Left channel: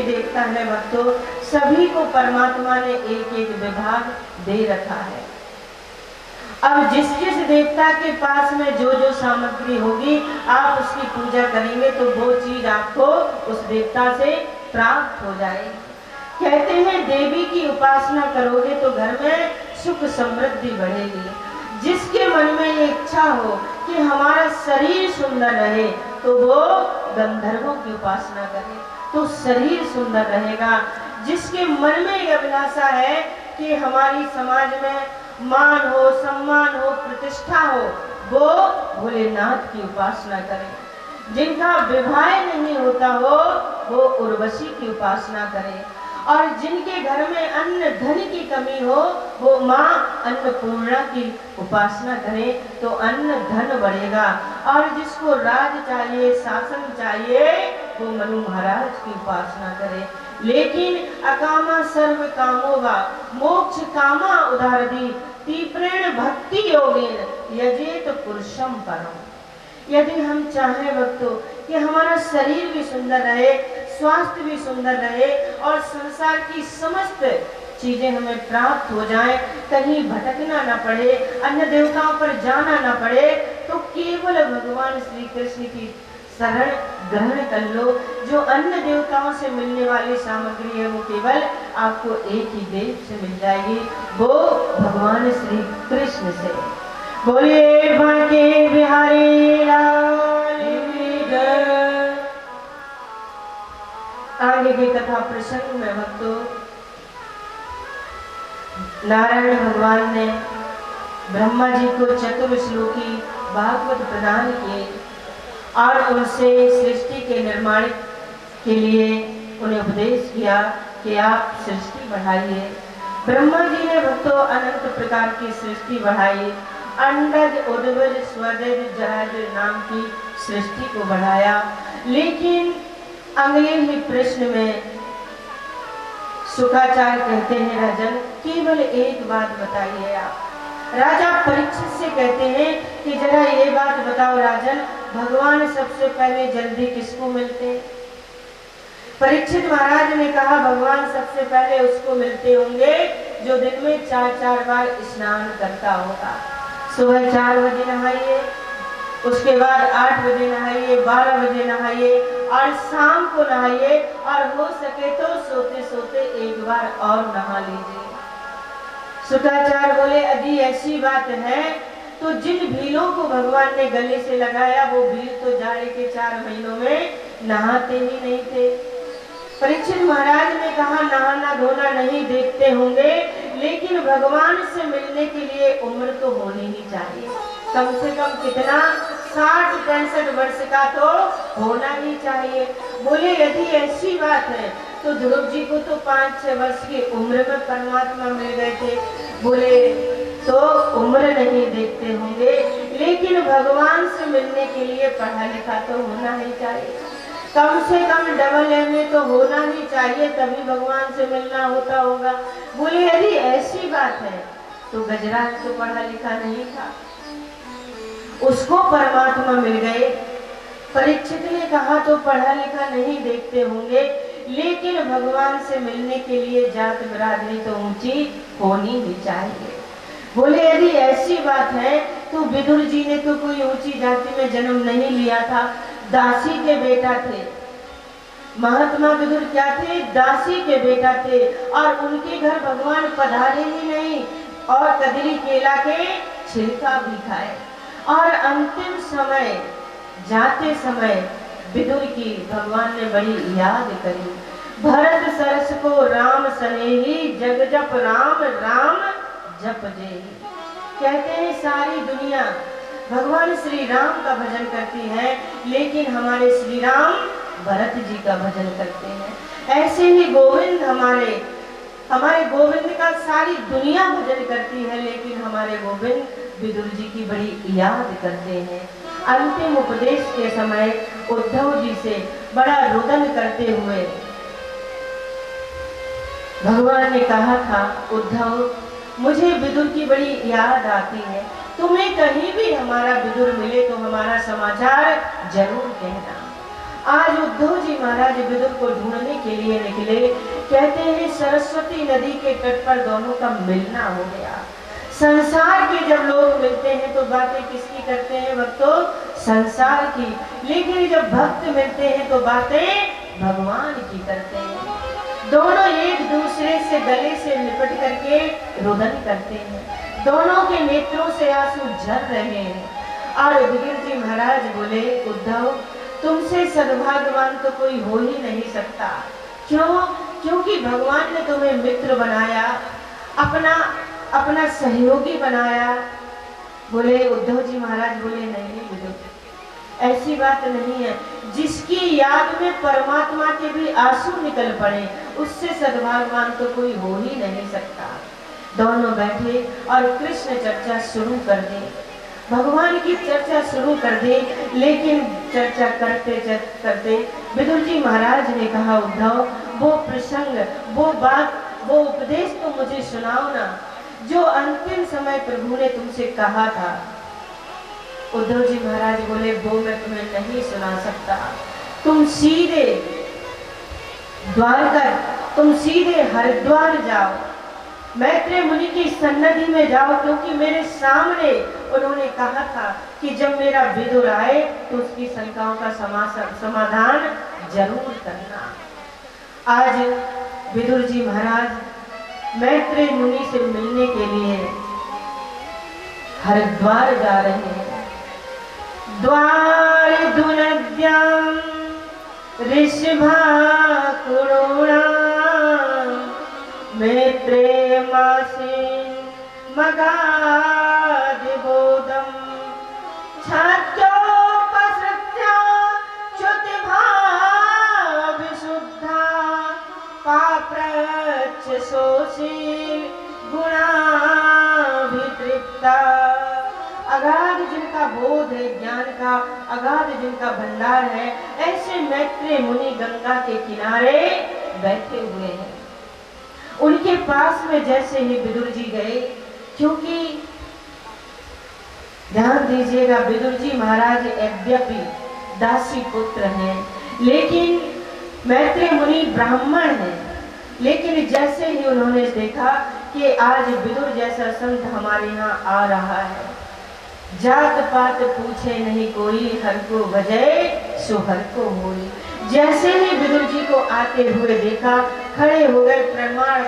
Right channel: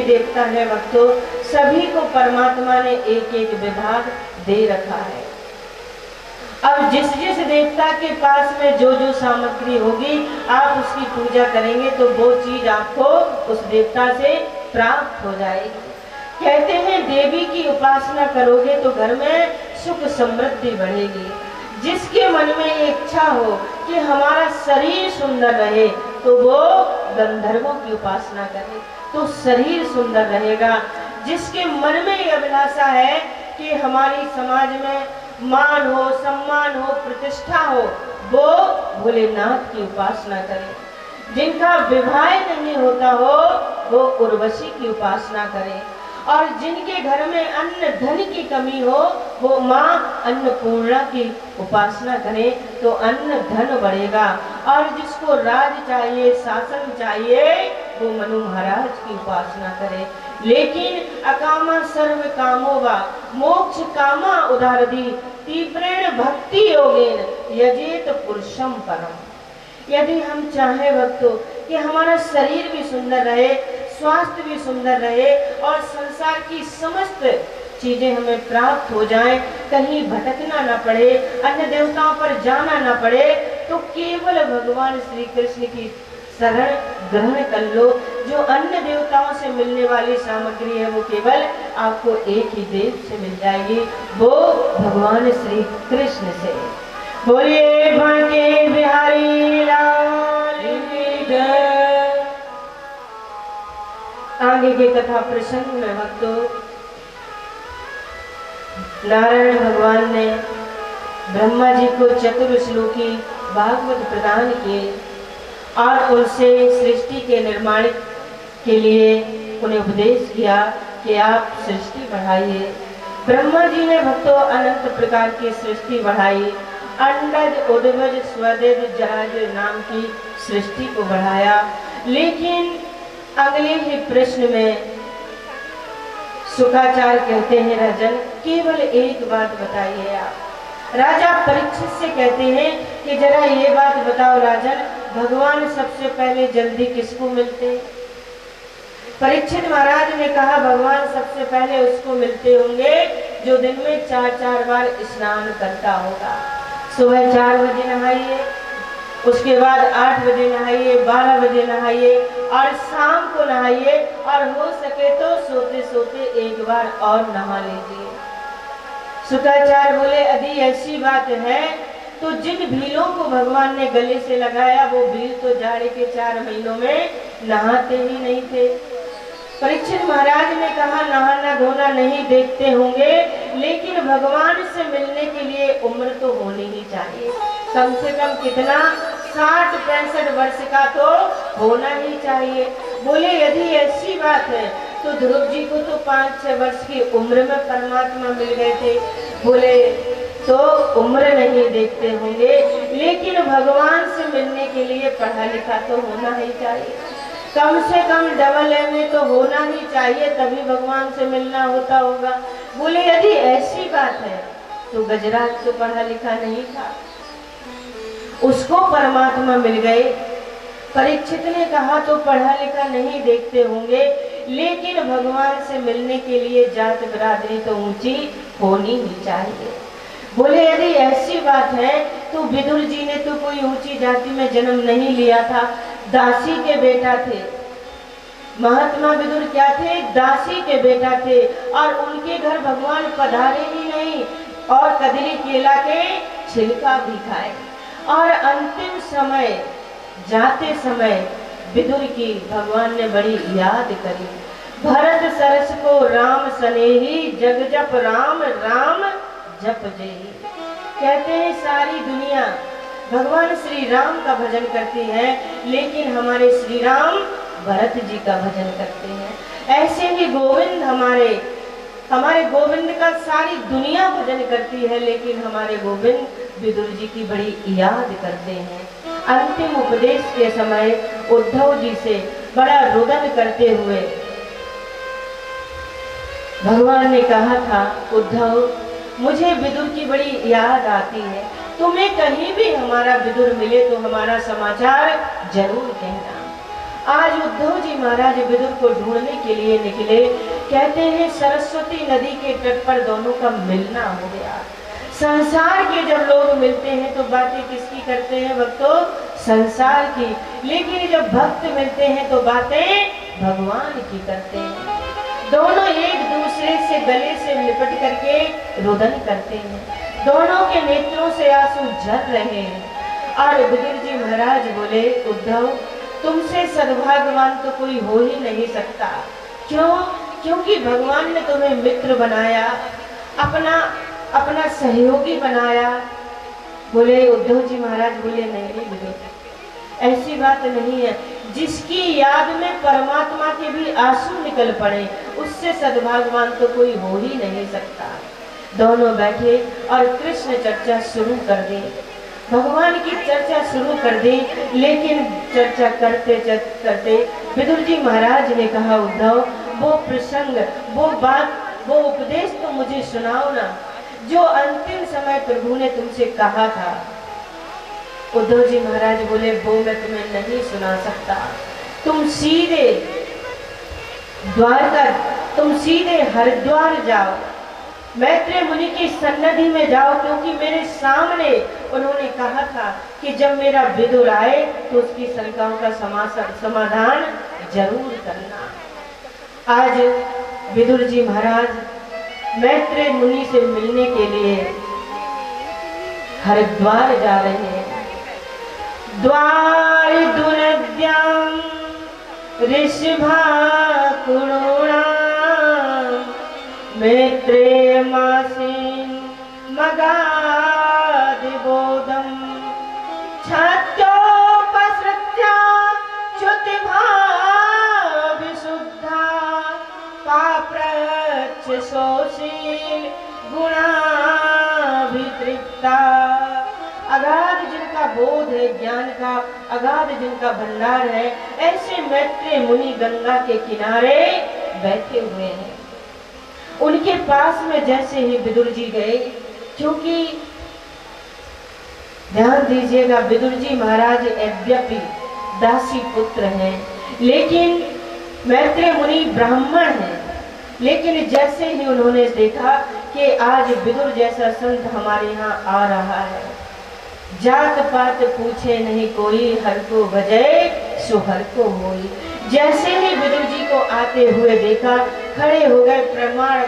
देवी देवता है भक्तों, सभी को परमात्मा ने एक एक विभाग दे रखा है। अब जिस जिस देवता के पास में जो जो सामग्री होगी, आप उसकी पूजा करेंगे तो वो चीज आपको उस देवता से प्राप्त हो जाएगी। कहते हैं देवी की उपासना करोगे तो घर में सुख समृद्धि बढ़ेगी। जिसके मन में ये इच्छा हो कि हमारा शरीर सुंदर रहे तो वो गंधर्वों की उपासना करे तो शरीर सुंदर रहेगा। जिसके मन में ये अभिलाषा है कि हमारी समाज में मान हो, सम्मान हो, प्रतिष्ठा हो, वो भोलेनाथ की उपासना करे। जिनका विवाह नहीं होता हो वो उर्वशी की उपासना करे। और जिनके घर में अन्न धन की कमी हो वो माँ अन्नपूर्णा की उपासना करे तो अन्न धन बढ़ेगा। और जिसको राज चाहिए, शासन चाहिए, वो मनु महाराज की उपासना करे। लेकिन अकामा सर्व कामो वा मोक्ष कामा उदारदी तीव्रेण भक्ति योगेन यजेत पुरुषम परम। यदि हम चाहे भक्तों कि हमारा शरीर भी सुंदर रहे, स्वास्थ्य भी सुंदर रहे और संसार की समस्त चीजें हमें प्राप्त हो जाएं, कहीं भटकना ना पड़े, अन्य देवताओं पर जाना ना पड़े, तो केवल भगवान श्री कृष्ण की शरण ग्रहण कर लो। जो अन्य देवताओं से मिलने वाली सामग्री है वो केवल आपको एक ही देव से मिल जाएगी, वो भगवान श्री कृष्ण से। बोलिए बांके बिहारी लाल की जय। आगे की कथा प्रसंग में भक्तों नारायण भगवान ने ब्रह्मा जी को चतुर्श्लोकी भागवत प्रदान किए और उनसे सृष्टि के निर्माण के लिए उन्हें उपदेश किया कि आप सृष्टि बढ़ाइए। ब्रह्मा जी ने भक्तों अनंत प्रकार की सृष्टि बढ़ाई। अंडज, उद्भज, स्वदज, जहाज नाम की सृष्टि को बढ़ाया। लेकिन अगले ही प्रश्न में शुक्राचार्य कहते हैं राजन केवल एक बात बताइए आप। राजा परीक्षित से कहते हैं कि जरा ये बात बताओ राजन, भगवान सबसे पहले जल्दी किसको मिलते? परीक्षित महाराज ने कहा भगवान सबसे पहले उसको मिलते होंगे जो दिन में 4-4 बार स्नान करता होगा। सुबह 4 बजे नहाइए, उसके बाद 8 बजे नहाइए, 12 बजे नहाइए और शाम को नहाइए और हो सके तो सोते सोते एक बार और नहा लीजिए। शुक्राचार्य बोले यदि ऐसी बात है तो जिन भीलों को भगवान ने गले से लगाया वो भील तो जाड़े के 4 महीनों में नहाते ही नहीं थे। परीक्षित महाराज ने कहा नहाना धोना नहीं देखते होंगे, लेकिन भगवान से मिलने के लिए उम्र तो होनी ही चाहिए। कम से कम कितना 60-65 वर्ष का तो होना ही चाहिए। बोले यदि ऐसी बात है तो ध्रुव जी को तो 5-6 वर्ष की उम्र में परमात्मा मिल गए थे। बोले तो उम्र नहीं देखते होंगे, लेकिन भगवान से मिलने के लिए पढ़ा लिखा तो होना ही चाहिए। कम से कम डबल एमए तो होना ही चाहिए, तभी भगवान से मिलना होता होगा। बोले यदि ऐसी बात है तो गजराज तो पढ़ा लिखा नहीं था, उसको परमात्मा मिल गए। परीक्षित ने कहा तो पढ़ा लिखा नहीं देखते होंगे, लेकिन भगवान से मिलने के लिए जात बिरादरी तो ऊंची होनी ही चाहिए। बोले यदि ऐसी बात है तो विदुर जी ने तो कोई ऊंची जाति में जन्म नहीं लिया था, दासी के बेटा थे। महात्मा विदुर क्या थे? दासी के बेटा थे। और उनके घर भगवान पधारे ही नहीं और कदली केला के छिलका भी खाए। और अंतिम समय जाते समय विदुर की भगवान ने बड़ी याद करी। भरत सरस को राम सनेही जग जप राम राम जप जेही। कहते हैं सारी दुनिया भगवान श्री राम का भजन करती है, लेकिन हमारे श्री राम भरत जी का भजन करते हैं। ऐसे ही गोविंद हमारे गोविंद का सारी दुनिया भजन करती है, लेकिन हमारे गोविंद विदुर जी की बड़ी याद करते हैं। अंतिम उपदेश के समय उद्धव जी से बड़ा रुदन करते हुए भगवान ने कहा था, उद्धव मुझे विदुर की बड़ी याद आती है, तुम्हें कहीं भी हमारा विदुर मिले तो हमारा समाचार जरूर कहना। आज उद्धव जी महाराज विदुर को ढूंढने के के लिए निकले। कहते हैं सरस्वती नदी के तट पर दोनों का मिलना हो गया। संसार के जब लोग मिलते हैं तो बातें किसकी करते हैं भक्तों? संसार की। लेकिन जब भक्त मिलते हैं तो बातें भगवान की करते हैं। दोनों एक दूसरे से गले से लिपट करके रुदन करते हैं। दोनों के नेत्रों से आंसू झर रहे हैं। और विदुर जी महाराज बोले, उद्धव तुमसे सद्भाग्यवान तो कोई हो ही नहीं सकता। क्यों? क्योंकि भगवान ने तुम्हें मित्र बनाया, अपना सहयोगी बनाया। बोले उद्धव जी महाराज बोले, नहीं विदुर, ऐसी बात नहीं है। जिसकी याद में परमात्मा के भी आंसू निकल पड़े, उससे सद्भाग्यवान तो कोई हो ही नहीं सकता। दोनों बैठे और कृष्ण चर्चा शुरू कर दी, भगवान की चर्चा शुरू कर दी। लेकिन चर्चा करते करते विदुर जी महाराज ने कहा, उद्धव वो प्रसंग, वो बात, वो उपदेश तो मुझे सुनाओ ना, जो अंतिम समय प्रभु ने तुमसे कहा था। उद्धव जी महाराज बोले, वो मैं तुम्हें नहीं सुना सकता। तुम सीधे तुम सीधे हरिद्वार जाओ, मैत्रेय मुनि की सन्निधि में जाओ, क्योंकि मेरे सामने उन्होंने कहा था कि जब मेरा विदुर आए तो उसकी शंकाओं का समाधान जरूर करना। आज विदुर जी महाराज मैत्रेय मुनि से मिलने के लिए हरिद्वार जा रहे हैं। द्वार दुनद्यां ऋषभा कुरुणा मैत्रेय मासीन मगादिबोधम छात्योपसृत्या च्युतिभा विशुद्धा पाप्रच्छ शोषील गुणाभितृप्ता। अगाध जिनका बोध है, ज्ञान का अगाध जिनका भंडार है, ऐसे मैत्रेय मुनि गंगा के किनारे बैठे हुए हैं। उनके पास में जैसे ही विदुर जी गए, क्योंकि ध्यान दीजिएगा विदुर जी महाराज यद्यपि दासी पुत्र हैं, लेकिन मैत्रेय मुनि ब्राह्मण हैं। लेकिन जैसे ही उन्होंने देखा कि आज विदुर जैसा संत हमारे यहाँ आ रहा है, जात पात पूछे नहीं कोई, हर को बजे सो हर को होई। जैसे ही विदुर जी को आते हुए देखा, खड़े हो गए, प्रमाण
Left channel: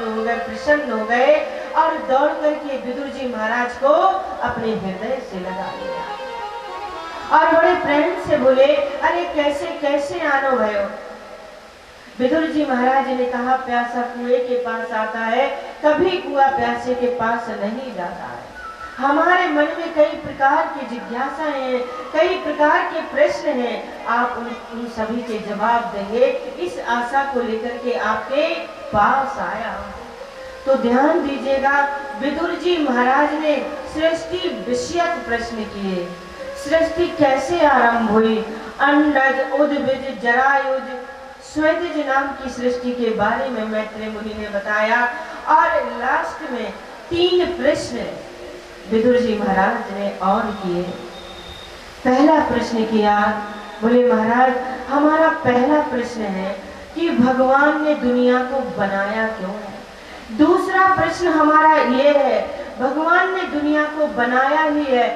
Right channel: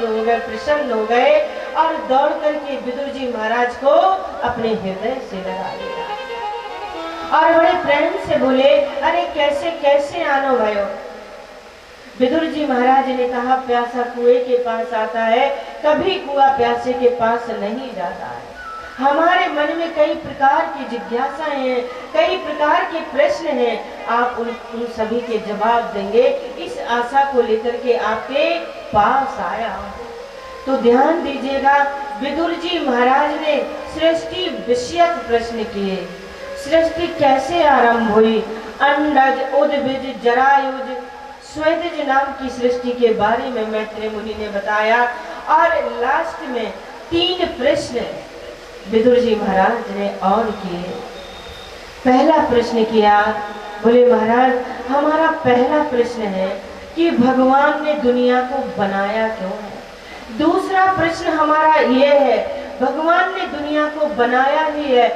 हो गए, प्रसन्न हो गए और दौड़ करके विदुर जी महाराज को अपने हृदय से लगा लिया और बड़े प्रेम से बोले, अरे कैसे कैसे आनो भयो। विदुर जी महाराज ने कहा, प्यासा कुएं के पास आता है, कभी कुआं प्यासे के पास नहीं जाता है। हमारे मन में कई प्रकार की जिज्ञासाएं हैं, कई प्रकार के प्रश्न हैं, आप उन सभी के जवाब देंगे, इस आशा को लेकर के आपके पास आया। तो ध्यान दीजिएगा, विदुर जी महाराज ने सृष्टि विषयक प्रश्न किए। सृष्टि कैसे आरंभ हुई, अंडज उद्भिज जरायुज स्वेदज नाम की सृष्टि के बारे में मैत्रेय मुनि ने बताया। और लास्ट में 3 प्रश्न विदुर जी महाराज ने और किए। पहला प्रश्न किया, बोले महाराज हमारा पहला प्रश्न है कि भगवान ने दुनिया को बनाया क्यों है। दूसरा प्रश्न हमारा ये है, भगवान ने दुनिया को बनाया ही है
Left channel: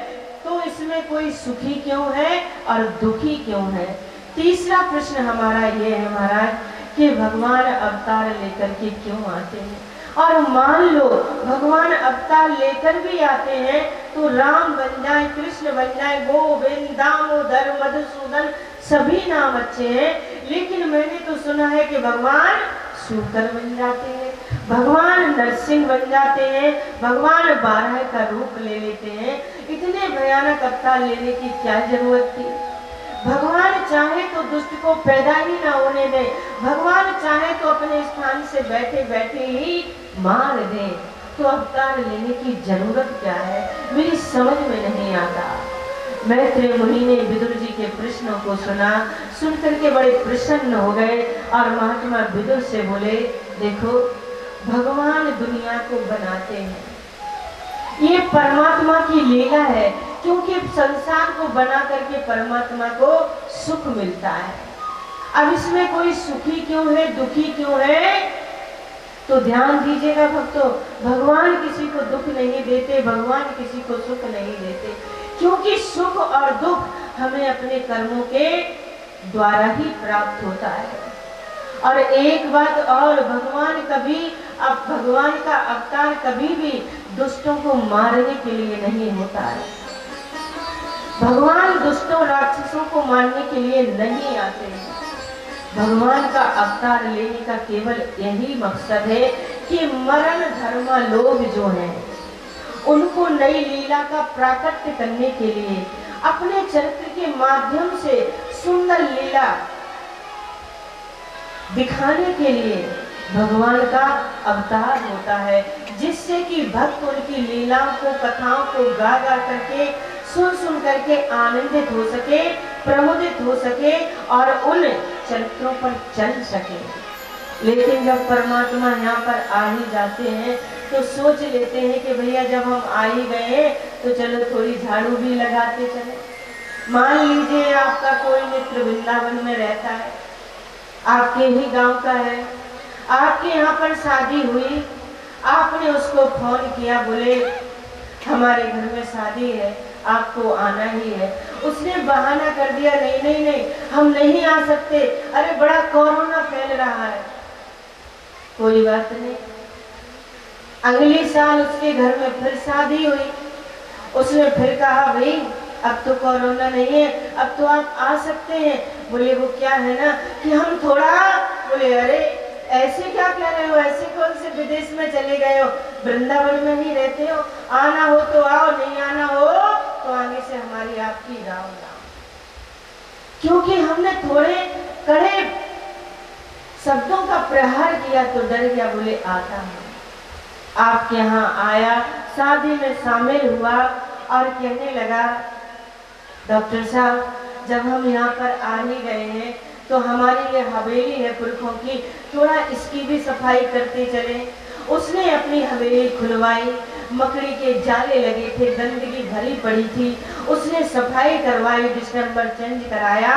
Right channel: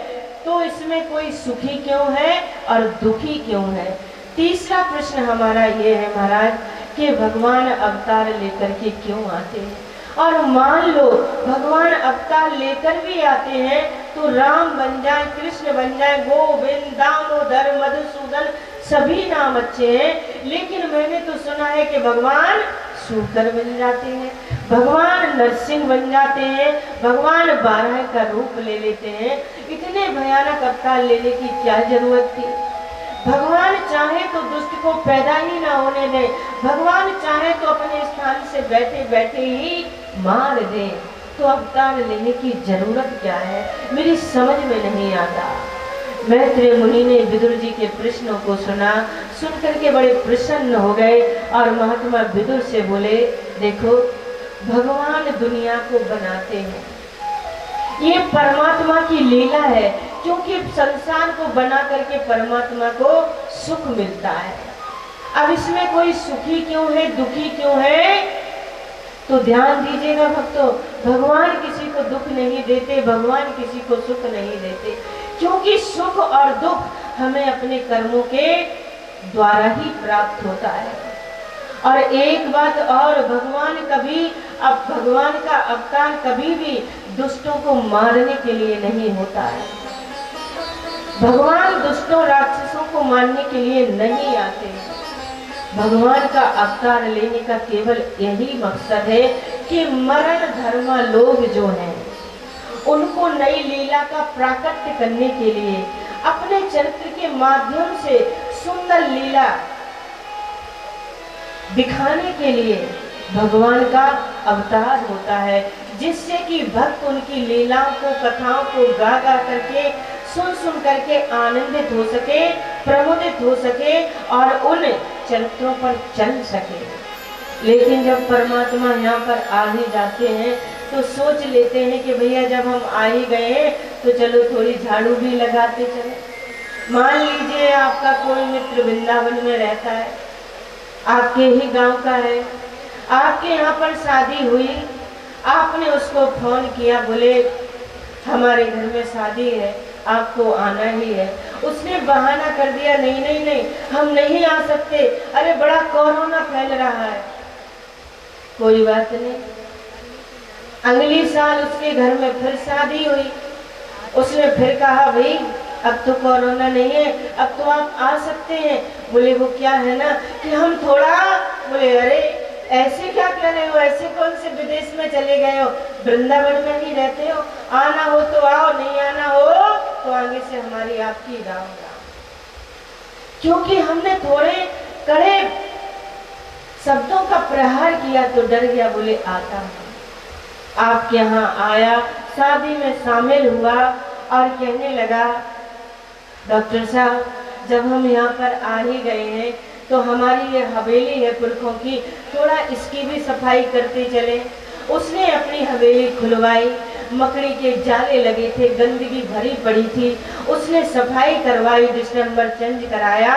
तो इसमें कोई सुखी क्यों है और दुखी क्यों है। तीसरा प्रश्न हमारा ये है महाराज कि भगवान अवतार लेकर के क्यों आते हैं, और मान लो भगवान अवतार लेकर भी आते हैं तो राम बन जाए, कृष्ण बन जाए, गोविंद, दामोदर, मधुसूदन, सभी नाम अच्छे हैं, लेकिन मैंने तो सुना है कि भगवान शूकर बन जाते हैं, भगवान नरसिंह बन जाते हैं, भगवान बारह का रूप ले लेते हैं। इतने भयानक अवतार लेने की क्या जरूरत थी। भगवान चाहे तो दुष्ट को पैदा ही ना होने दे, भगवान चाहे तो अपने स्थान से बैठे बैठे ही मार दे, तो अवतार लेने की जरूरत क्या है, मेरी समझ में नहीं आता। मैत्रेय मुनि ने विदुर जी के प्रश्नों को सुना, सुनकर के बड़े प्रसन्न हो गए और महात्मा विदुर से बोले, देखो भगवान दुनिया को बनाते हैं, ये परमात्मा की लीला है, क्योंकि संसार को बना करके परमात्मा को सुख मिलता है। अब इसमें कोई सुखी क्यों है, दुखी क्यों है? तो ध्यान दीजिएगा भक्तों, भगवान किसी को दुख नहीं देते, भगवान किसी को सुख नहीं देते, क्योंकि सुख और दुख हमें अपने कर्मों के द्वारा ही प्राप्त होता है। और एक बात और, भगवान का अवतार कभी भी दुष्टों को मारने के लिए नहीं होता है। भगवान दुष्टों राक्षसों को मारने के लिए नहीं आते हैं। भगवान का अवतार लेने का केवल यही मकसद है कि मरण धर्म लोग जो हैं उनको नई लीला का प्राकट्य करने के लिए, अपने चरित्र के माध्यम से सुंदर लीला दिखाने के लिए भगवान का अवतार होता है, जिससे कि भक्त उनकी लीलाओं को, कथाओं को गा गा करके, सुन करके आनंदित हो सके, प्रमोदित हो सके और उन चरित्रों पर चल सके। लेकिन जब परमात्मा यहाँ पर आ ही जाते हैं तो सोच लेते हैं कि भैया जब हम आ ही गए तो चलो थोड़ी झाड़ू भी लगाते चले। मान लीजिए आपका कोई मित्र वृंदावन में रहता है, आपके ही गांव का है, आपके यहाँ पर शादी हुई, आपने उसको फोन किया, बोले हमारे घर में शादी है, आपको आना ही है। उसने बहाना कर दिया, नहीं नहीं नहीं हम नहीं आ सकते, अरे बड़ा कोरोना फैल रहा है। कोई बात नहीं, अगले साल उसके घर में फिर शादी हुई, उसने फिर कहा भाई अब तो कोरोना नहीं है, अब तो आप आ सकते हैं। बोले वो क्या है ना कि हम थोड़ा, बोले अरे ऐसे क्या कह रहे हो, ऐसे कौन से विदेश में चले गए हो, वृंदावन में ही रहते हो, आना हो तो आओ, नहीं आना हो तो आगे से हमारी आपकी राम राम। क्योंकि हमने थोड़े कड़े शब्दों का प्रहार किया तो डर गया, बोले आता हूँ। आपके यहाँ आया, शादी में शामिल हुआ और कहने लगा डॉक्टर साहब जब हम यहाँ पर आ ही गए हैं तो हमारी ये हवेली है पुरखों की, थोड़ा इसकी भी सफाई करते चले। उसने अपनी हवेली खुलवाई, मकड़ी के जाले लगे थे, गंदगी भरी पड़ी थी, उसने सफाई करवाई, डिस्टेंबर चेंज कराया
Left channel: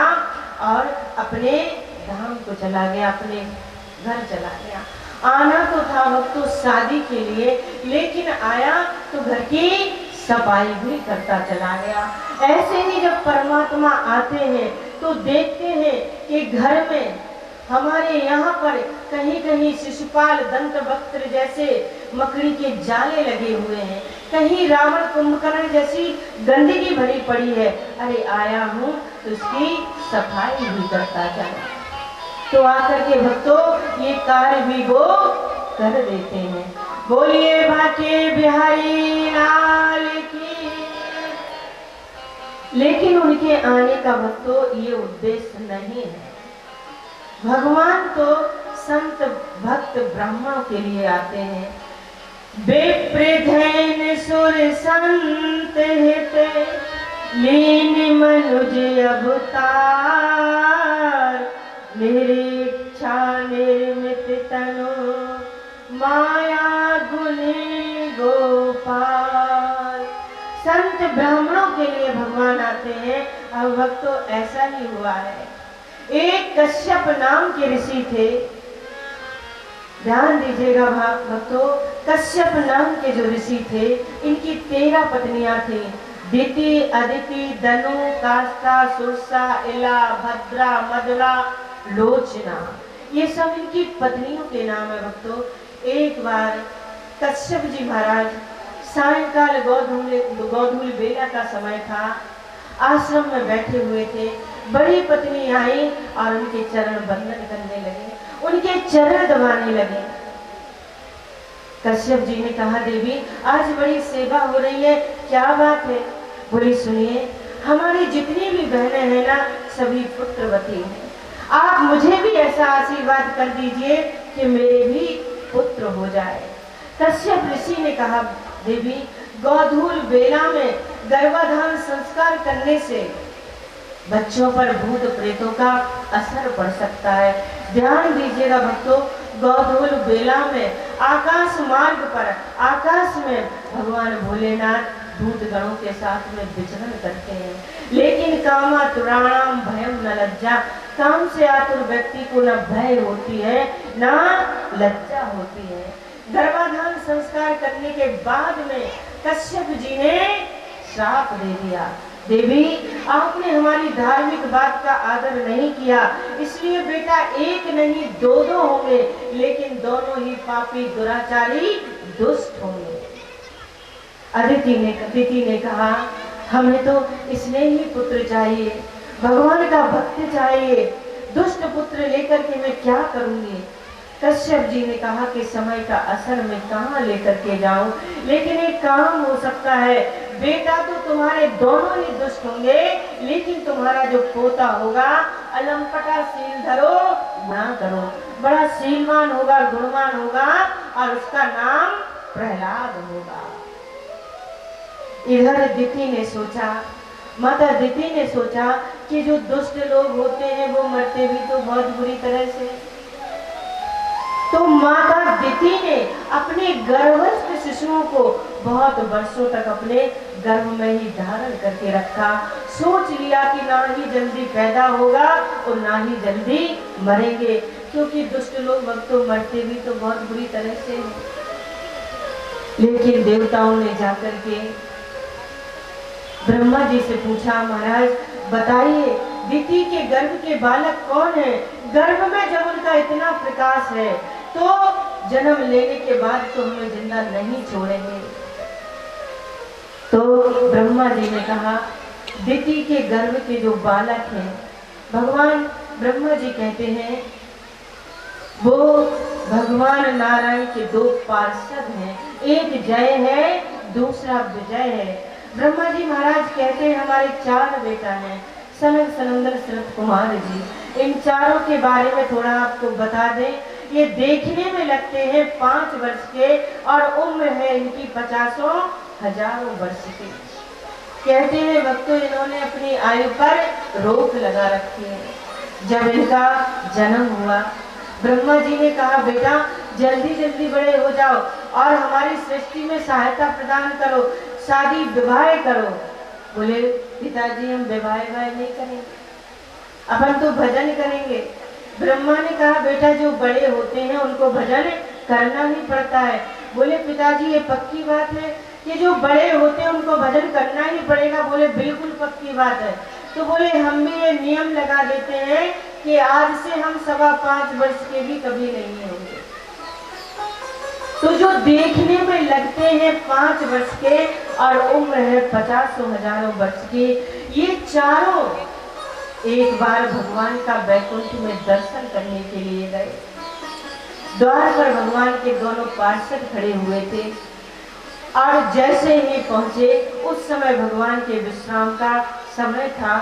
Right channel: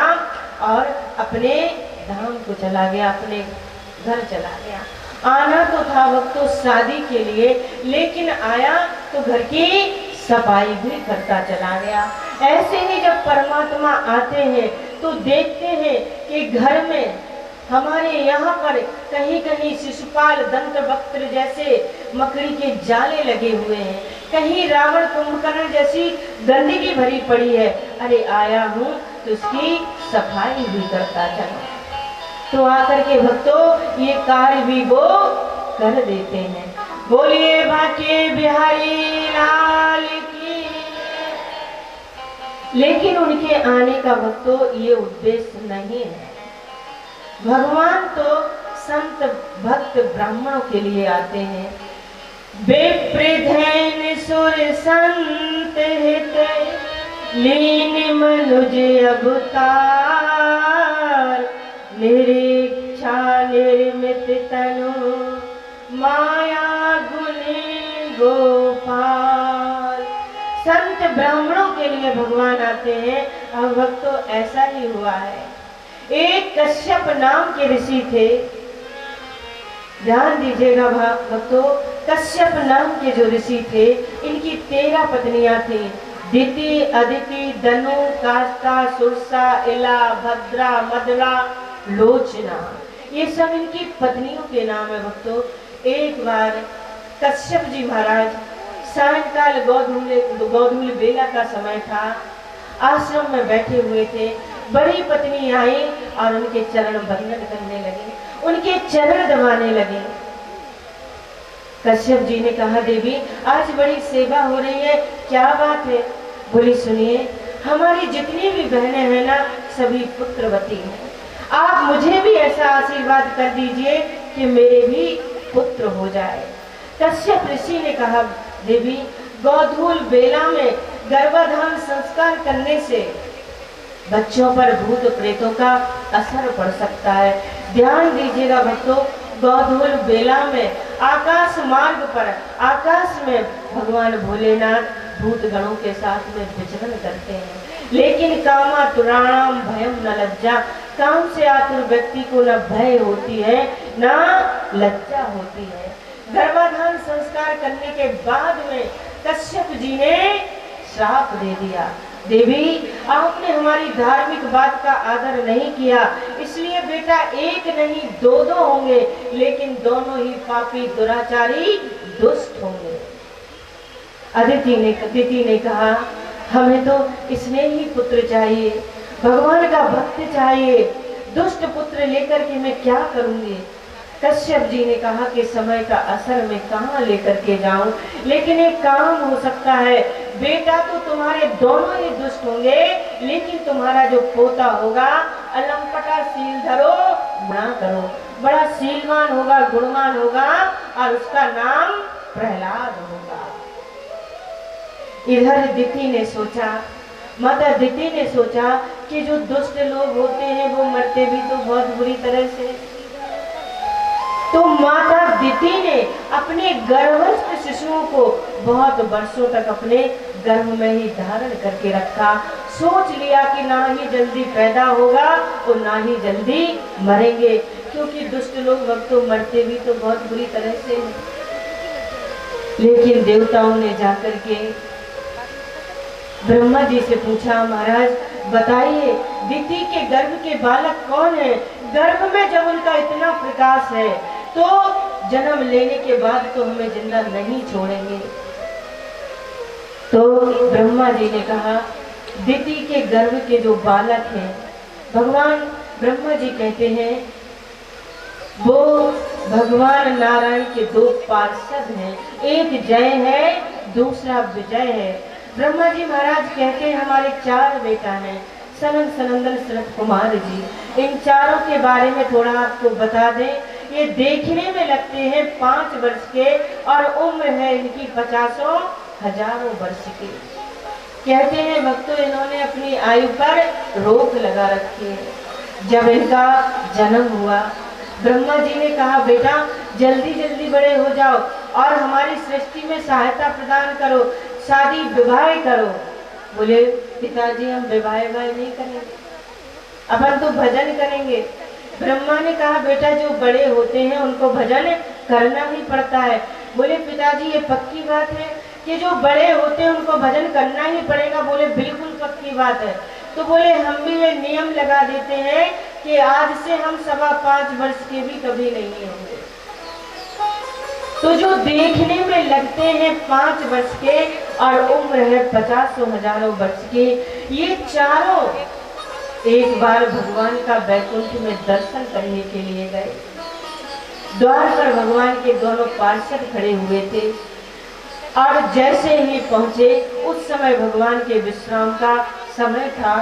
और अपने धाम को चला गया, अपने घर चला गया। आना तो था भक्तों शादी के लिए, लेकिन आया तो घर की सफाई भी करता चला गया। ऐसे ही जब परमात्मा आते हैं तो देखते हैं कि घर में हमारे यहाँ पर कहीं कहीं शिशुपाल दंत वक्त्र जैसे मकड़ी के जाले लगे हुए हैं, कहीं रावण कुंभकर्ण जैसी गंदगी भरी पड़ी है। अरे आया हूँ तो उसकी सफाई भी करता चला। तो आकर के भक्तों ये कार्य भी वो कर देते हैं। बोलिए बाके बिहारी लाल की। लेकिन उनके आने का भक्तों ये उद्देश्य नहीं है। भगवान तो संत भक्त ब्राह्मणों के लिए आते हैं। बेप्रधैन सुर संत हित लीन मनुज अवतार, निरीक्षा निर्मित तनु माया गुणी गोपाल। संत ब्राह्मणों के लिए भगवान आते हैं। अब भक्तों ऐसा ही हुआ है। एक कश्यप नाम के ऋषि थे, ध्यान दीजिएगा भक्तों, कश्यप नाम के जो ऋषि थे इनकी 13 पत्नियां थी। दिति, अदिति, दनु, काष्टा, सुरसा, इला, भद्रा, मदरा, लोचना, ये सब इनकी पत्नियों के नाम है भक्तों। एक बार कश्यप जी महाराज सायंकाल गोधूल बेला का समय था, आश्रम में बैठे हुए थे। बड़ी पत्नी आई और उनके चरण बंदन करने लगे, उनके चरण दबाने लगे। कश्यप जी ने कहा देवी आज बड़ी सेवा हो रही है, क्या बात है? बोली सुनिए, हमारी जितनी भी बहनें हैं ना सभी पुत्रवती हैं, आप मुझे भी ऐसा आशीर्वाद कर दीजिए कि मेरे भी पुत्र हो जाए। कश्यप ऋषि ने कहा देवी गोधूल बेला में गर्भाधान संस्कार करने से बच्चों पर भूत प्रेतों का असर पड़ सकता है। ध्यान दीजिएगा भक्तों, गोधूल बेला में आकाश मार्ग पर आकाश में भगवान भोलेनाथ भूत गणों के साथ में विचरण करते हैं। लेकिन कामातुराणाम भयम न लज्जा, काम से आतुर व्यक्ति को न भय होती है न लज्जा होती है। गर्भाधान संस्कार करने के बाद में कश्यप जी ने श्राप दे दिया, देवी आपने हमारी धार्मिक बात का आदर नहीं किया, इसलिए बेटा एक नहीं दो होंगे, लेकिन दोनों ही पापी दुराचारी दुष्ट होंगे। अदिति ने कहा हमें तो स्नेही पुत्र चाहिए, भगवान का भक्त चाहिए, दुष्ट पुत्र लेकर के मैं क्या करूंगी। कश्यप जी ने कहा कि समय का असर मैं कहाँ लेकर के जाऊं, लेकिन एक काम हो सकता है, बेटा तो तुम्हारे दोनों ही दुष्ट होंगे, लेकिन तुम्हारा जो पोता होगा अलंपटा शील धरो गुणा करो, बड़ा शीलवान होगा, गुणवान होगा और उसका नाम प्रहलाद होगा। इधर दिति ने सोचा, माता दिति ने सोचा कि जो दुष्ट लोग होते हैं वो मरते भी तो बहुत बुरी तरह से, तो माता दिति ने अपने गर्भस्थ शिशुओं को बहुत वर्षों तक अपने गर्भ में ही धारण करके रखा। सोच लिया कि ना ही जल्दी पैदा होगा और ना ही जल्दी मरेंगे, क्योंकि दुष्ट लोग भक्तों मरते भी तो बहुत बुरी तरह से। लेकिन देवताओं ने जाकर के ब्रह्मा जी से पूछा, महाराज बताइए दिति के गर्भ के बालक कौन है, गर्भ में जब उनका इतना प्रकाश है तो जन्म लेने के बाद तो हमें जिंदा नहीं छोड़ेंगे। तो ब्रह्मा जी ने कहा दिति के गर्भ के जो बालक हैं, भगवान ब्रह्मा जी कहते हैं वो भगवान नारायण के दो पार्षद हैं, एक जय है दूसरा विजय है। ब्रह्मा जी महाराज कहते हैं हमारे 4 बेटा हैं, सनन सनंदन सनत कुमार जी। इन चारों के बारे में थोड़ा आपको बता दें, ये देखने में लगते हैं 5 वर्ष के और उम्र है इनकी 50,000 वर्ष की। कहते हैं भक्तों इन्होंने अपनी आयु पर रोक लगा रखी है। जब इनका जन्म हुआ ब्रह्मा जी ने कहा बेटा जल्दी जल्दी बड़े हो जाओ और हमारी सृष्टि में सहायता प्रदान करो, शादी विवाह करो। बोले पिताजी हम विवाह नहीं करेंगे, अपन तो भजन करेंगे। ब्रह्मा ने कहा बेटा जो बड़े होते हैं उनको भजन करना ही पड़ता है। बोले पिताजी ये पक्की बात है कि जो बड़े होते हैं उनको भजन करना ही पड़ेगा। बोले बिल्कुल पक्की बात है। तो बोले हम भी ये नियम लगा देते हैं कि आज से हम 5.25 वर्ष के भी कभी नहीं होंगे। तो जो देखने में लगते हैं 5 वर्ष के और उम्र है 50,000 वर्ष की, ये चारों एक बार भगवान का वैकुंठ में दर्शन करने के लिए गए। द्वार पर भगवान के दोनों पार्षद खड़े हुए थे और जैसे ही पहुंचे उस समय भगवान के विश्राम का समय था।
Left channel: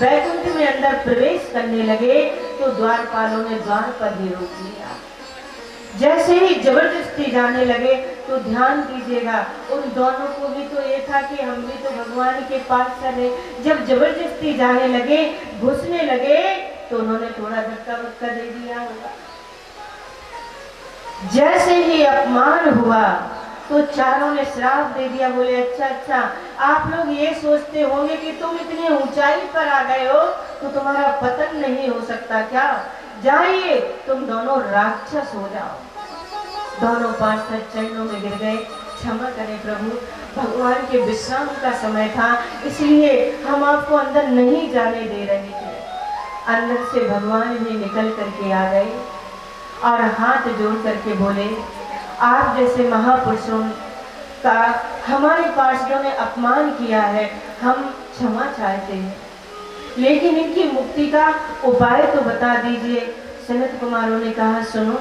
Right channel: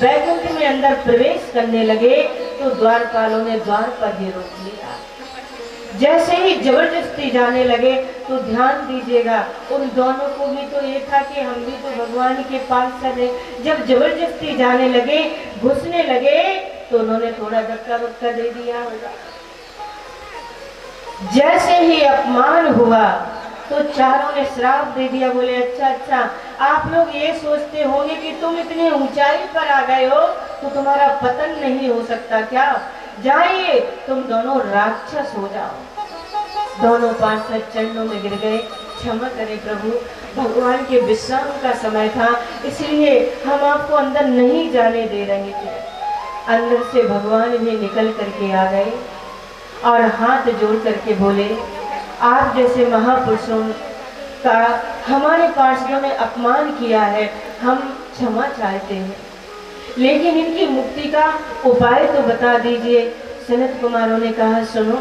वैकुंठ में अंदर प्रवेश करने लगे तो द्वारपालों ने द्वार पर ही रोक लिया। जैसे ही जबरदस्ती जाने लगे तो ध्यान दीजिएगा उन दोनों को भी तो ये था कि हम भी तो भगवान के पास चले। जब जबरदस्ती जाने लगे घुसने लगे तो उन्होंने थोड़ा धक्का वक्का दे दिया होगा। जैसे ही अपमान हुआ तो चारों ने श्राप दे दिया। बोले अच्छा आप लोग ये सोचते होंगे कि तुम इतनी ऊंचाई पर आ गए हो तो तुम्हारा पतन नहीं हो सकता क्या, जाइए तुम दोनों राक्षस हो जाओ। दोनों पार्षद चरणों में गिर गए, क्षमा करें प्रभु, भगवान के विश्राम का समय था इसलिए हम आपको अंदर नहीं जाने दे रहे थे। अंदर से भगवान भी निकल करके आ गए और हाथ जोड़ करके बोले आप जैसे महापुरुषों का हमारे पार्षदों ने अपमान किया है, हम क्षमा चाहते हैं, लेकिन इनकी मुक्ति का उपाय तो बता दीजिए। सनत कुमारों ने कहा सुनो,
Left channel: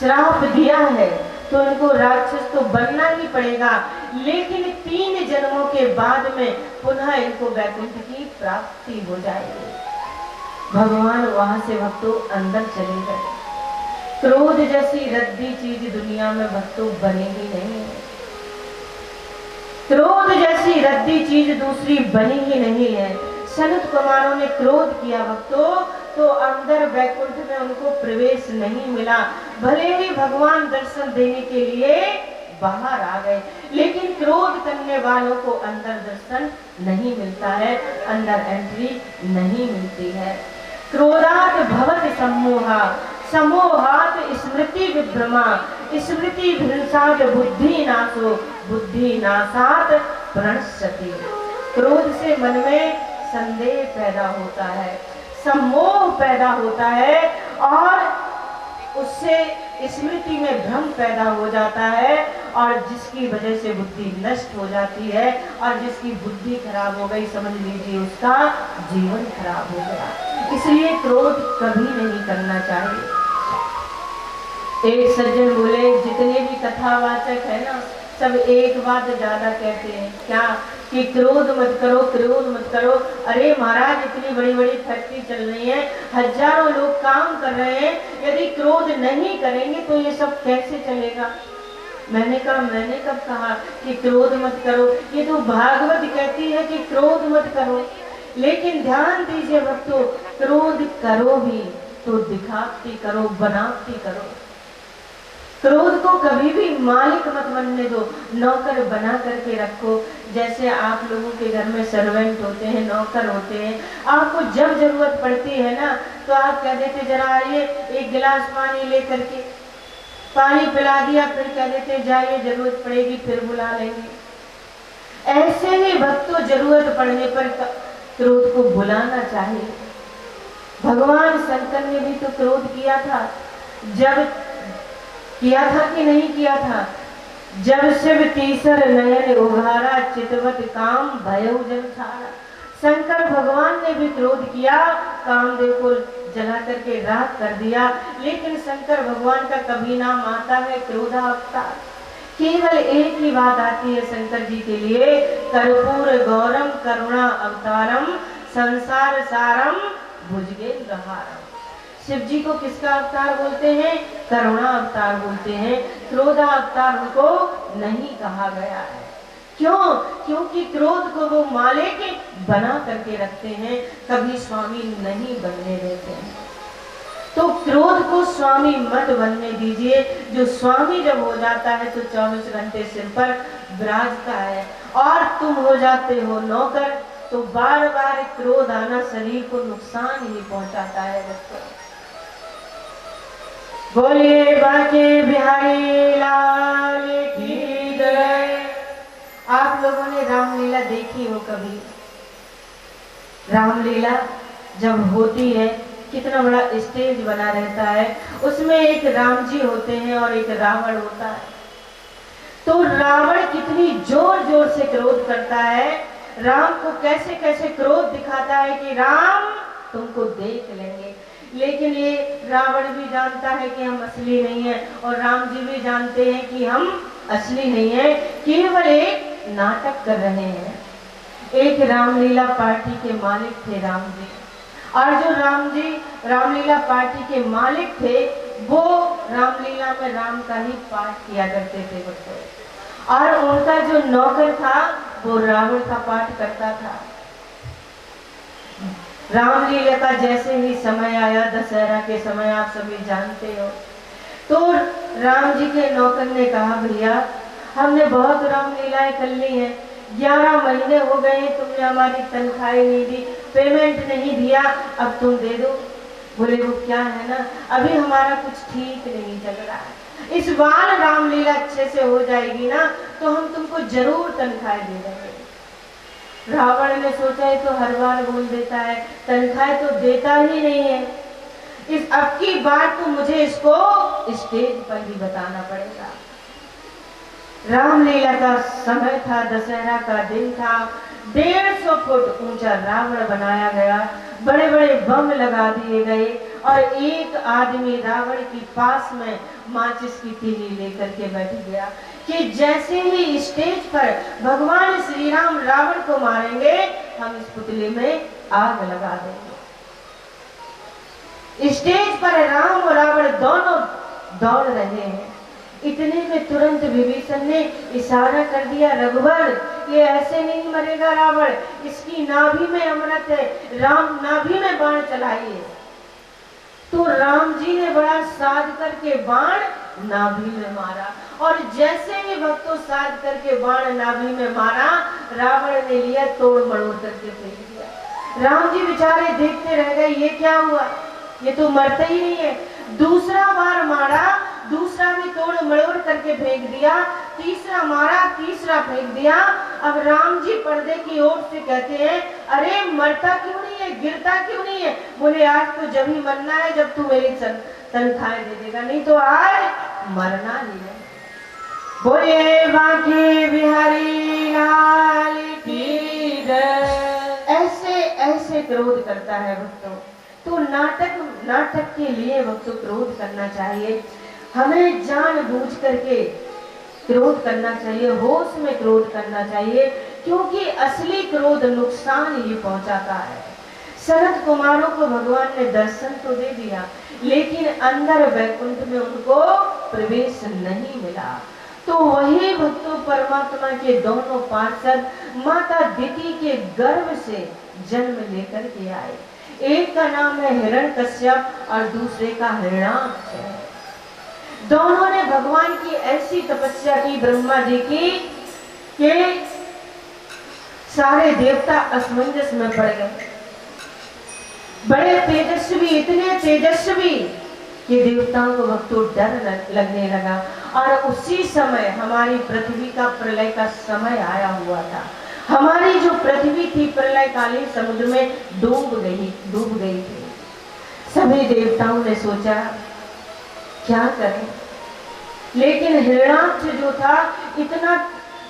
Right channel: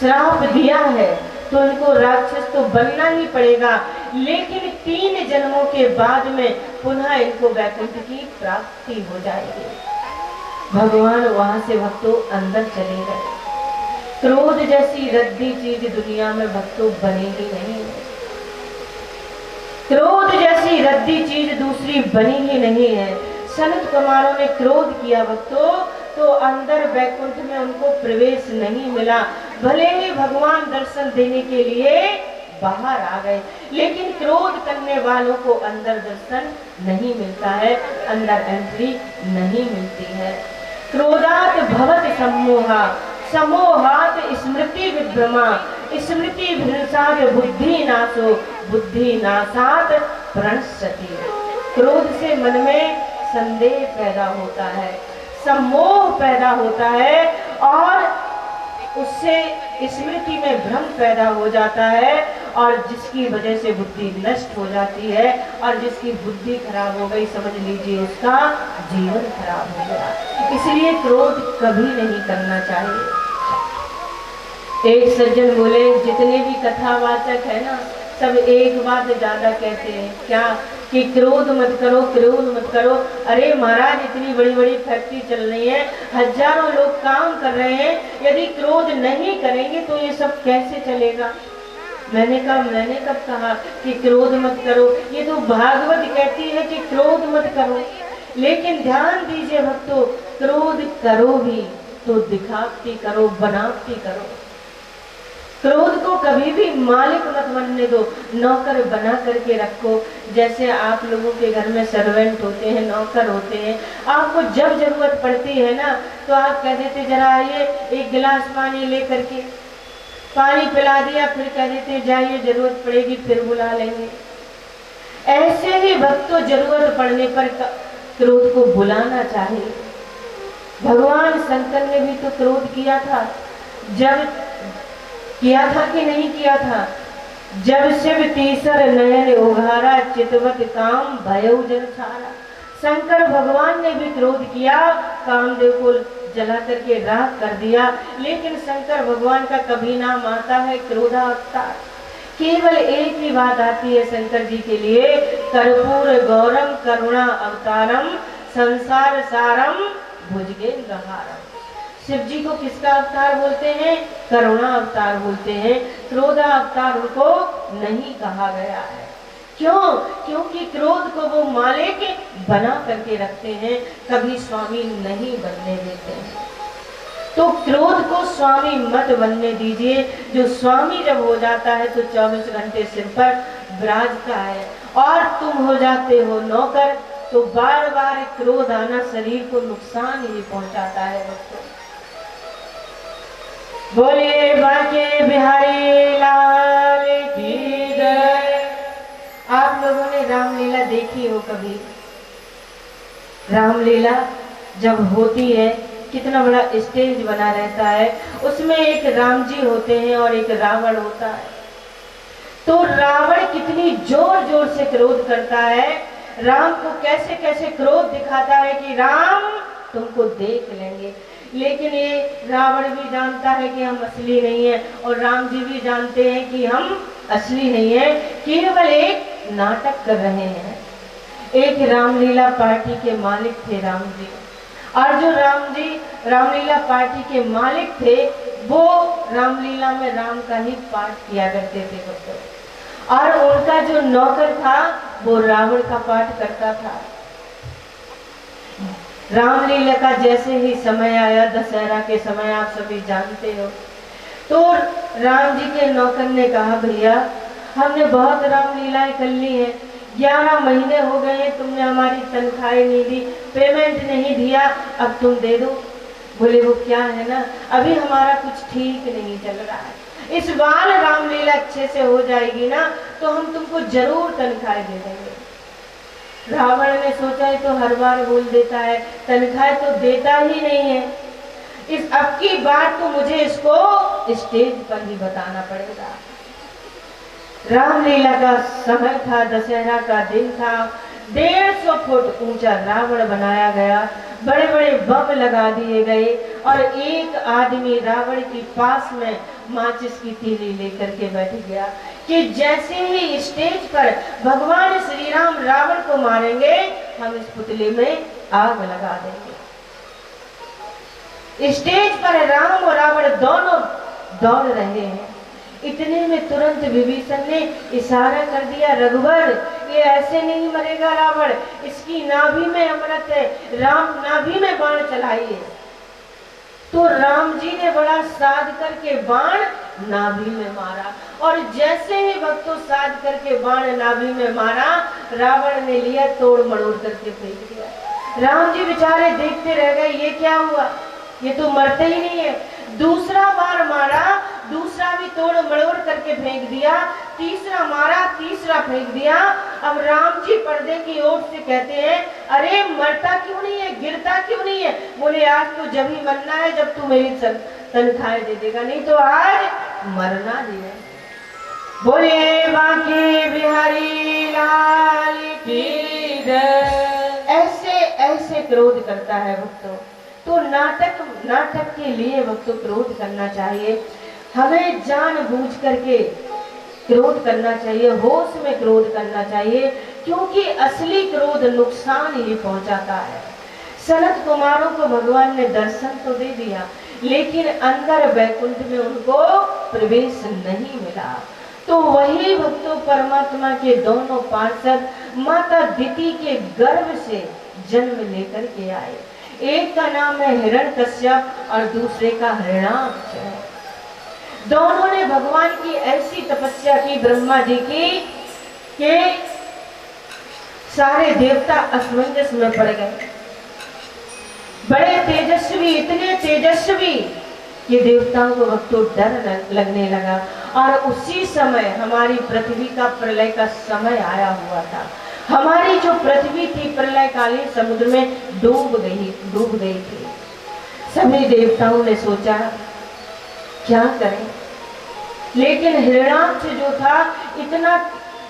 श्राप दिया है तो इनको राक्षस तो बनना ही पड़ेगा, लेकिन 3 जन्मों के बाद में पुनः इनको वैकुंठ की प्राप्ति हो जाएगी। भगवान वहां से भक्तों अंदर चले गए। क्रोध जैसी रद्दी चीज दुनिया में भक्तों बनेगी नहीं, क्रोध जैसी रद्दी चीज दूसरी बनी ही नहीं है। सनत कुमारों ने क्रोध किया भक्तों तो अंदर वैकुंठ में उनको प्रवेश नहीं मिला। भले ही भगवान दर्शन देने के लिए बाहर आ गए, लेकिन क्रोध करने वालों को अंदर दर्शन नहीं मिलता है, अंदर एंट्री नहीं मिलती है। क्रोधात भवत सम्मोहा, सम्मोहात स्मृति विभ्रमा, स्मृति भ्रंशात बुद्धि नाशो, बुद्धि नाशात प्रणश्यति। क्रोध से मन में संदेह पैदा होता है, सम्मोह पैदा होता है और उससे स्मृति में भ्रम पैदा हो जाता है, और जिसकी वजह से बुद्धि नष्ट हो जाती है, और जिसकी बुद्धि खराब हो गई समझ लीजिए उसका जीवन खराब हो गया। इसलिए क्रोध कभी नहीं करना चाहिए। एक सज्जन बोले, जितने भी कथावाचक है ना सब एक बात ज्यादा कहते हैं, क्या कि क्रोध मत करो, क्रोध मत करो। अरे महाराज, इतनी बड़ी बड़ी फैक्ट्री चल रही है, हजारों लोग काम कर रहे हैं, यदि क्रोध नहीं करेंगे तो ये सब कैसे चलेगा। मैंने कब कहा कि क्रोध मत करो, ये तो भागवत कहती है कि क्रोध मत करो। लेकिन ध्यान दीजिए भक्तों, क्रोध करो भी तो दिखावटी करो, बनावटी करो। क्रोध को कभी भी मालिक मत बनने दो, नौकर बना करके रखो। जैसे आप लोगों के घर में सर्वेंट होते हैं, नौकर होते हैं, आपको जब जरूरत पड़ती है ना तो आप कह देते जरा आइए एक गिलास पानी ले करके, पानी पिला दिया, फिर कह देते जाइए जरूरत पड़ेगी फिर बुला लेंगे। ऐसे ही भक्तों जरूरत पड़ने पर क्रोध को बुलाना चाहिए। भगवान शंकर ने भी तो क्रोध किया था, जब किया था कि नहीं किया था, जब शिव तीसर नयन उघारा, चितवत काम भयउ जन छारा। शंकर भगवान ने भी क्रोध किया, कामदेव को जला करके राख कर दिया, लेकिन शंकर भगवान का कभी नाम आता है क्रोधावतार। केवल एक ही बात आती है शंकर जी के लिए, कर्पूर गौरम करुणा अवतारम, संसार सारम भुजगेंद्र हारम। शिव जी को किसका अवतार बोलते हैं? करुणा अवतार बोलते हैं। क्रोधा अवतार उनको नहीं कहा गया है। क्यों? क्योंकि क्रोध को वो मालिक बना करके रखते हैं, कभी स्वामी नहीं बनने देते हैं। तो क्रोध को स्वामी मत बनने दीजिए। जो स्वामी जब हो जाता है तो 24 घंटे सिर पर विराजता है, और तुम हो जाते हो नौकर, तो बार बार क्रोध आना शरीर को नुकसान ही पहुंचाता है। बोलिए बाके बिहारी लाल की जय। आप लोगों ने रामलीला देखी हो कभी? रामलीला जब होती है कितना बड़ा स्टेज बना रहता है, उसमें एक राम जी होते हैं और एक रावण होता है। तो रावण कितनी जोर जोर से क्रोध करता है, राम को कैसे कैसे क्रोध दिखाता है कि राम तुमको देख लेंगे। लेकिन ये रावण भी जानता है कि हम असली नहीं है, और राम जी भी जानते हैं कि हम असली नहीं है, केवल एक नाटक कर रहे हैं। एक रामलीला पार्टी के मालिक थे राम जी, और जो राम जी रामलीला पार्टी के मालिक थे वो रामलीला में राम का ही पाठ किया करते थे बच्चों, और उनका जो नौकर था वो रावण का पाठ करता था। रामलीला का जैसे ही समय आया, दशहरा के समय आप सभी जानते हो, तो राम जी के नौकर ने कहा भैया हमने बहुत रामलीलाएं कर ली हैं, 11 महीने हो गए हैं, तुमने हमारी तनख्वाही नहीं दी, पेमेंट नहीं दिया, अब तुम दे दो। बोले वो क्या है ना, अभी हमारा कुछ ठीक नहीं चल रहा है, इस बार रामलीला अच्छे से हो जाएगी ना तो हम तुमको जरूर तनख्वाही दे देंगे। रावण ने सोचा है तो हर बार बोल देता है, तनख्वाह तो देता ही नहीं है, इस अब की बात तो मुझे इसको स्टेज पर ही बताना पड़ेगा। रामलीला का समय था, दशहरा का दिन था, 150 फुट ऊंचा रावण बनाया गया, बड़े बड़े बम लगा दिए गए, और एक आदमी रावण के पास में माचिस की तीली लेकर के बैठ गया कि जैसे ही स्टेज पर भगवान श्री राम रावण को मारेंगे हम इस पुतले में आग लगा देंगे। स्टेज पर राम और रावण दोनों दौड़ रहे हैं, इतने में तुरंत विभीषण ने इशारा कर दिया, रघुवर ये ऐसे नहीं मरेगा रावण, इसकी नाभि में अमृत है, राम नाभि में बाण चलाइए। तो राम जी ने बड़ा साध करके बाण नाभि में मारा। और जैसे ही भक्तों साध करके बाण नाभि में मारा, रावण ने लिया तोड़ मड़ोड़ करके फेंक दिया। राम जी बेचारे देखते रह गए, ये क्या हुआ, ये तो मरते ही नहीं है। दूसरा बार मारा, दूसरा भी तोड़ मड़ोड़ करके फेंक दिया, तीसरा मारा, तीसरा फेंक दिया। अब राम जी पर्दे की ओर से कहते हैं, अरे मरता क्यों नहीं है, गिरता क्यों नहीं है? बोले आज तो जब ही मरना है जब तू मेरी तनख्वाह दे देगा, नहीं तो आज मरना नहीं है। बोले बांके बिहारी लाल की जय। ऐसे ऐसे क्रोध करता है भक्तों। तो नाटक के लिए भक्तों क्रोध करना चाहिए, हमें जानबूझ करके क्रोध करना चाहिए, होश में क्रोध करना चाहिए, क्योंकि असली क्रोध नुकसान ही पहुंचाता है। सनत कुमारों को भगवान ने दर्शन तो दे दिया, लेकिन अंदर वैकुंठ में उनको प्रवेश नहीं मिला। तो वही भक्तों परमात्मा के दोनों पार्षद माता दिति के गर्भ से जन्म लेकर के आए। एक का नाम है हिरण्यकश्यप और दूसरे का हिरण्याक्ष है। दोनों ने भगवान की ऐसी तपस्या की ब्रह्मा जी की कि सारे देवता असमंजस में पड़ गए। बड़े तेजस्वी, इतने तेजस्वी कि देवताओं को भक्तों डर लगने लगा। और उसी समय हमारी पृथ्वी का प्रलय का समय आया हुआ था। हमारी जो पृथ्वी थी प्रलयकालीन समुद्र में डूब गई थी। सभी देवताओं ने सोचा क्या करें, लेकिन हिरण्याक्ष जो था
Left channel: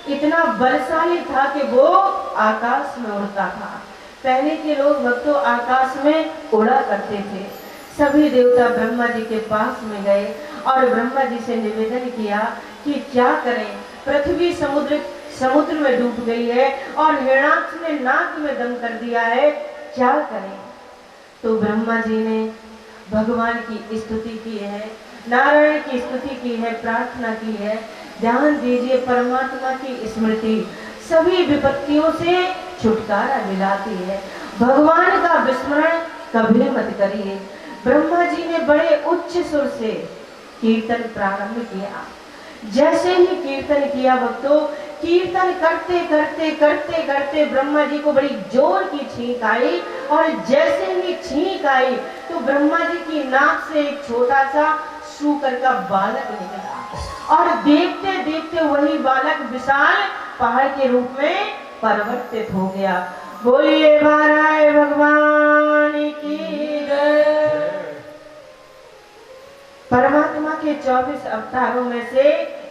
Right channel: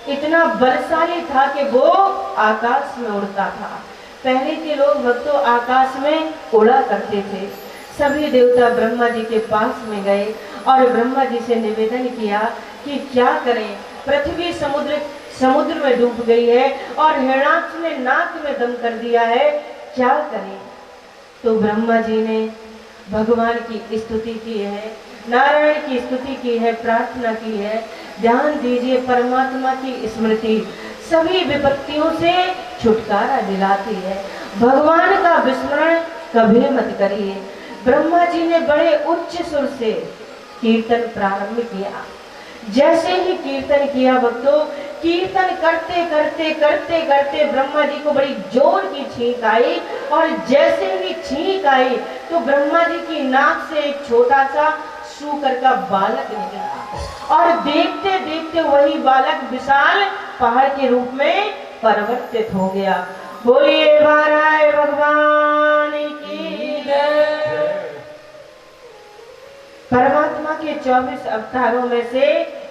इतना बलशाली था कि वो आकाश में उड़ता था। पहले के लोग भक्तों आकाश में उड़ा करते थे। सभी देवता ब्रह्मा जी के पास में गए और ब्रह्मा जी से निवेदन किया कि क्या करें, पृथ्वी समुद्र में डूब गई है और हिरण्याक्ष ने नाक में दम कर दिया है, क्या करें? तो ब्रह्मा जी ने भगवान की स्तुति की है, नारायण की स्तुति की है, प्रार्थना की है। ध्यान दीजिए, परमात्मा की स्मृति सभी विपत्तियों से छुटकारा दिलाती है। भगवान का विस्मरण कभी मत करिए। ब्रह्मा जी ने बड़े उच्च सुर से कीर्तन प्रारंभ किया। जैसे ही कीर्तन किया भक्तों, कीर्तन करते करते करते करते ब्रह्मा जी को बड़ी जोर की छींक आई। और जैसे ही छींक आई तो ब्रह्मा जी की नाक से एक छोटा सा सूकर का बालक निकला और देखते देखते वही बालक विशाल पहाड़ के रूप में परिवर्तित हो गया। बोलिए महाराज भगवान की जय। परमात्मा के 24 अवतारों में से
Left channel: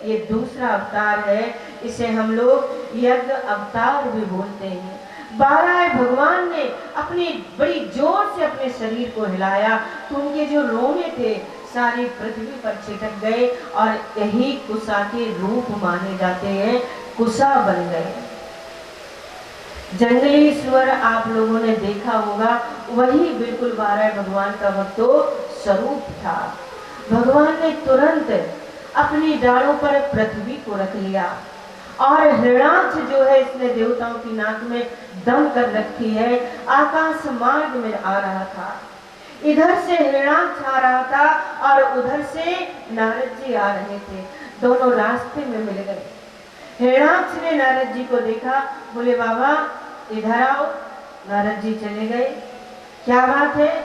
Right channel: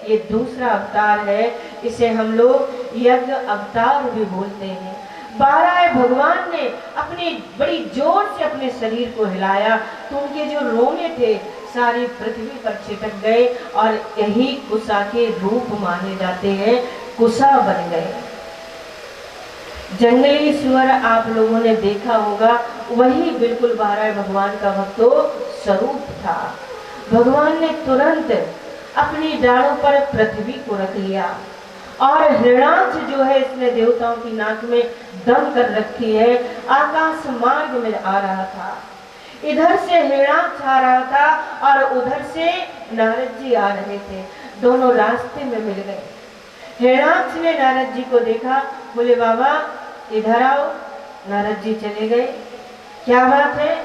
ये दूसरा अवतार है। इसे हम लोग यज्ञ अवतार भी बोलते हैं। 12 भगवान ने अपनी बड़ी जोर से अपने शरीर को हिलाया तो उनके जो रोने थे सारी पृथ्वी पर छिटक गए और यही कुशा के रूप माने जाते हैं, कुशा बन गए। जंगली सुअर आप लोगों ने देखा होगा, वही बिल्कुल 12 भगवान का भक्तों स्वरूप था। भगवान ने तुरंत अपनी डालों पर पृथ्वी को रख लिया और हिरण्याक्ष जो है इसने देवताओं की नाक में दम कर रखी है, आकाश मार्ग में आ रहा था। इधर से हिरण्याक्ष आ रहा था और उधर से नारद जी आ रहे थे। दोनों रास्ते में मिल गए। हिरण्याक्ष ने नारद जी को देखा, बोले बाबा इधर आओ। नारद जी चले गए। क्या बात है?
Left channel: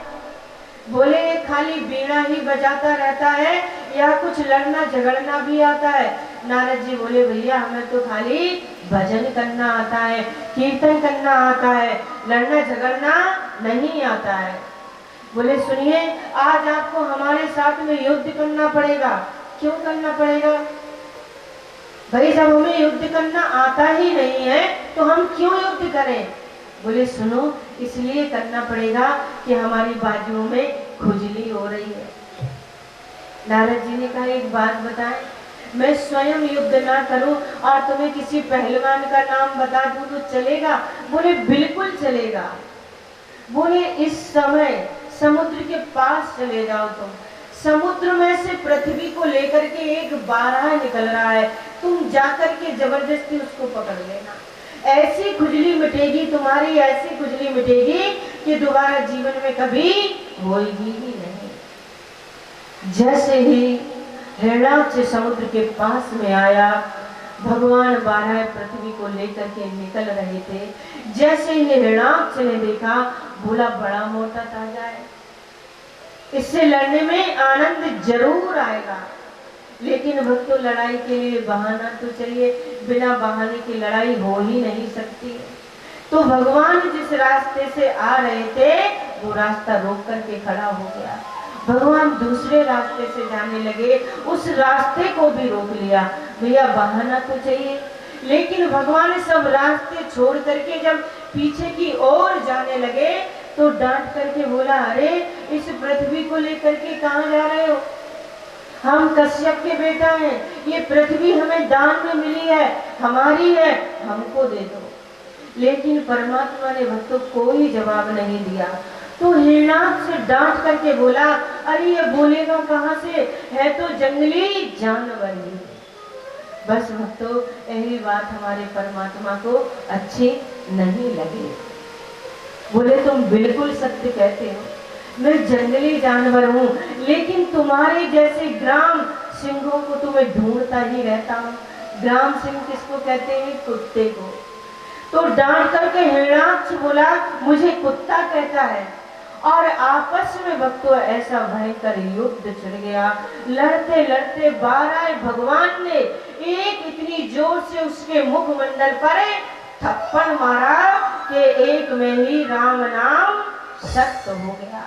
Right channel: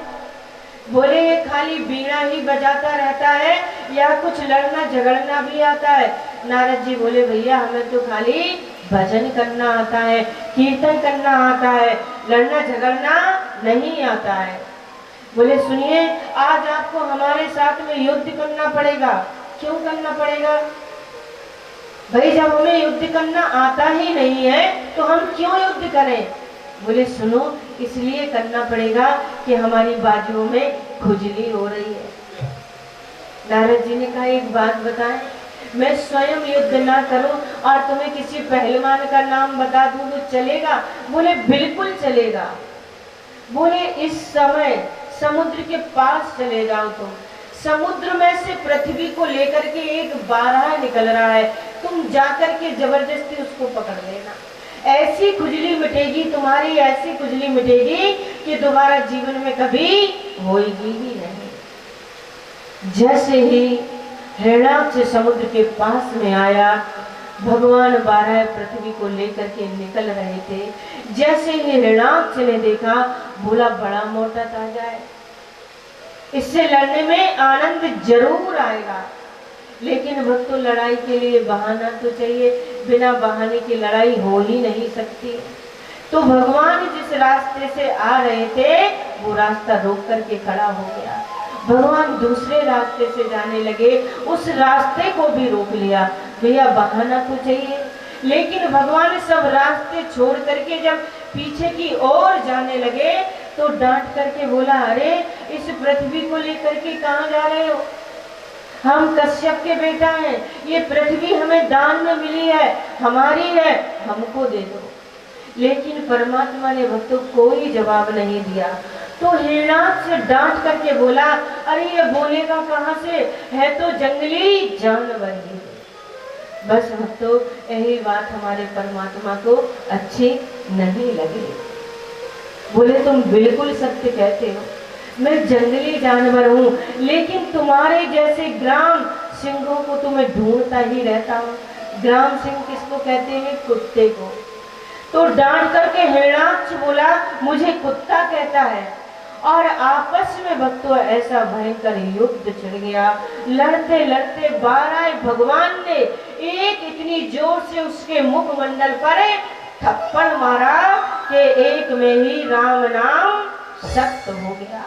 बोले ये खाली बीना ही बजाता रहता है या कुछ लड़ना झगड़ना भी आता है? नारद जी बोले भैया हमें तो खाली भजन करना आता है, कीर्तन करना आता है, लड़ना झगड़ना नहीं आता है। बोले सुनिए, आज आपको हमारे साथ में युद्ध करना पड़ेगा। क्यों करना पड़ेगा भाई? जब हमें युद्ध करना आता ही नहीं है तो हम क्यों युद्ध करें? बोले सुनो, इसलिए करना पड़ेगा कि हमारी बाजुओं में खुजली हो रही है। नारद जी ने कहा एक बात बताएं, मैं स्वयं युद्ध ना करूं और तुम्हें किसी पहलवान का नाम बता दूं तो चलेगा? बोले बिल्कुल चलेगा। बोले इस समय समुद्र के पास चले जाओ। तुम समुद्र में से पृथ्वी को लेकर के एक बारह निकल रहा है, तुम जाकर के जबरदस्ती उसको पकड़ लेना। ऐसी खुजली मिटेगी तुम्हारी, ऐसी खुजली मिटेगी कि दोबारा जीवन में कभी होगी ही नहीं। जैसे ही हिरणाक्ष समुद्र के पास में आया। भगवान 12 पृथ्वी को लेकर के निकल रहे थे। जैसे ही हिरणाक्ष ने देखा, बोला बड़ा मोटा ताजा है, इससे लड़ने में आनंद जरूर आएगा, लेकिन भक्तों लड़ाई के लिए बहाना तो चाहिए, बिना बहाने की लड़ाई हो ही नहीं सकती। तो भगवान जिस रास्ते से आ रहे थे वो रास्ता रोक करके खड़ा हो गया। भगवान दूसरे रास्ते से जाने लगे, उस रास्ते को भी रोक लिया। भैया बहाना तो चाहिए, लेकिन भगवान सब रास्ते छोड़ करके जब पीछे की ओर जाने लगे तो डांट करके बोला, अरे इस पृथ्वी को लेकर के कहाँ जा रहे हो? हम कश्यप के बेटा हैं, ये पृथ्वी हमें दान में मिली है, हमारी है, हमको दे दो। लेकिन परमात्मा ने भक्तों कोई जवाब नहीं दिया। तो हिरणाक्ष से डांट करके बोला, अरे ये बोलेगा कहाँ से, है तो जंगली जानवर ही। बस भक्तों यही बात हमारे परमात्मा को अच्छी नहीं लगी। बोले तुम बिल्कुल सत्य कहते हो, मैं जंगली जानवर हूँ, लेकिन तुम्हारे जैसे ग्राम सिंहों को तो मैं ढूंढता ही रहता हूँ। ग्राम सिंह किसको कहते हैं? कुत्ते को। तो डांट करके हिरणाक्ष बोला, मुझे कुत्ता कहता है। और आपस में भक्तों ऐसा भयंकर युद्ध छिड़ गया। लड़ते लड़ते 12 भगवान ने एक इतनी जोर से उसके मुखमंडल पर थप्पड़ मारा कि एक में ही राम नाम सत्य हो गया।